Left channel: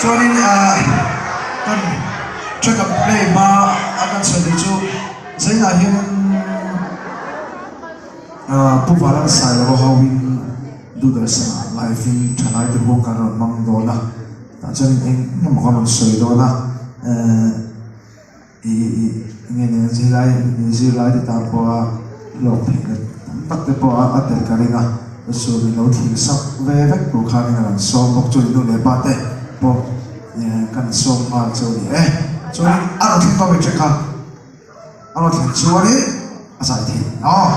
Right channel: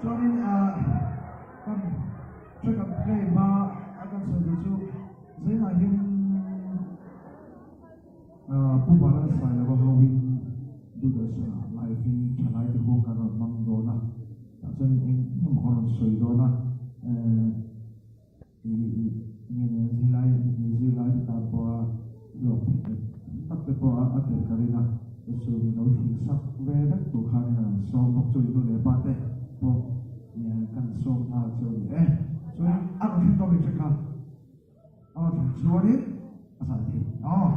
cho nên cần cho gặp play mà akan sẽ được chú giấy là hiện bu vào là sai là bao win du được sao live in thay lại từ buông cả rồi mang đồ na ta cho nên anh nó mà còn sợi đồ na nghe nghe gì lại thì ta qua lột thì tắt để qua ở đây cái này na số mình nấu thì sắp về vách của khai này là số một chỗ nó để bắt đấy bộ cần số mà chỗ này chỗ này ăn thì tao bị chết khăn ăn thì chỗ này giải thì nó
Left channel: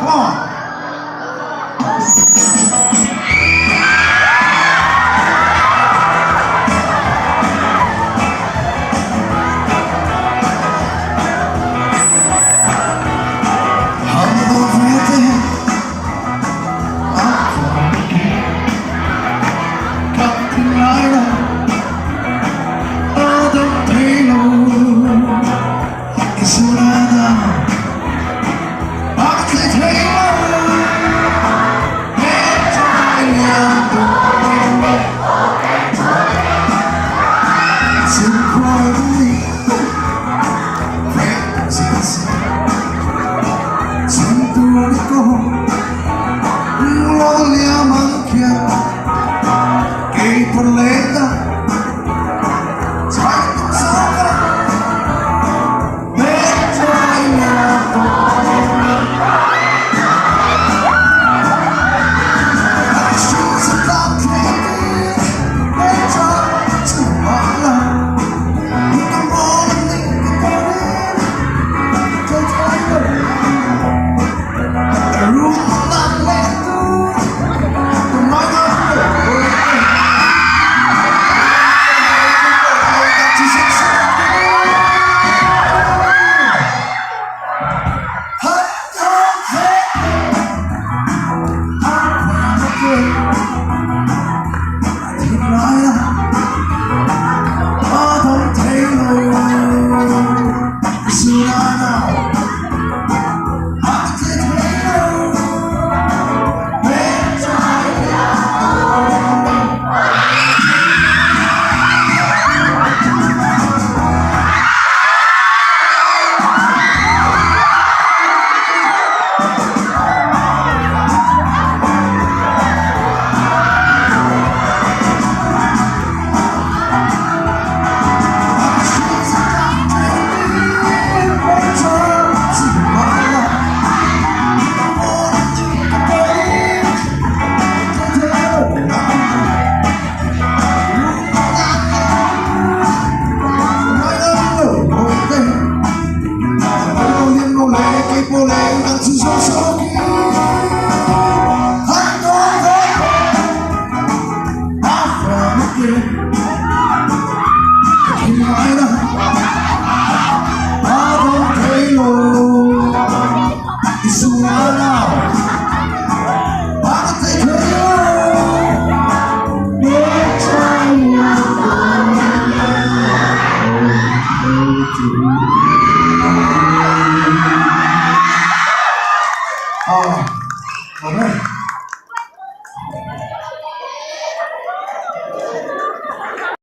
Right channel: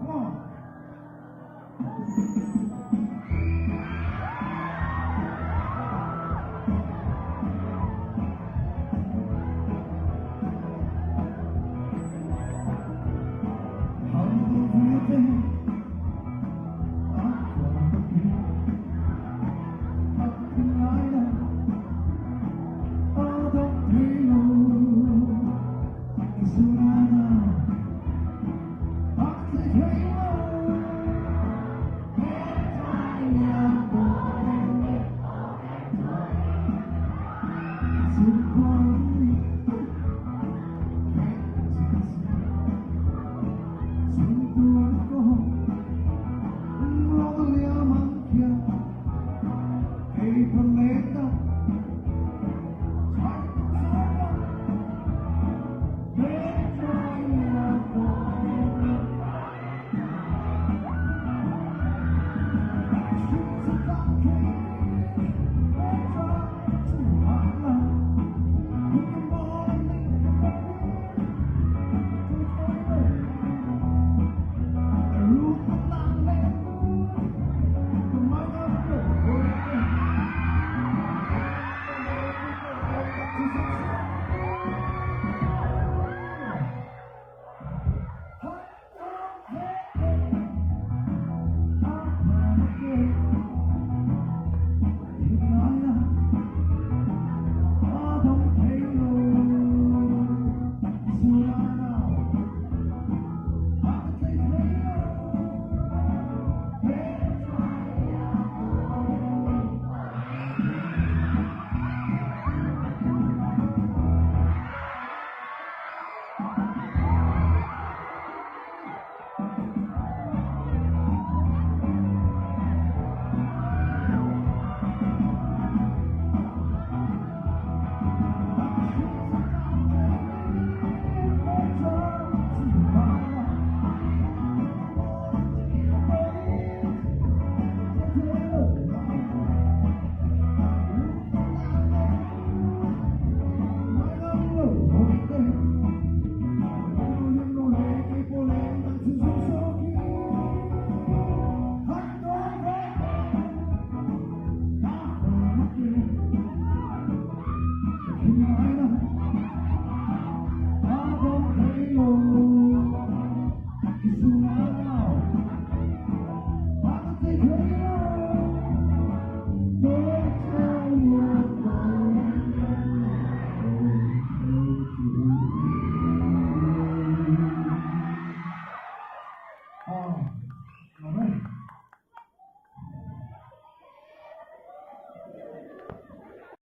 Come on.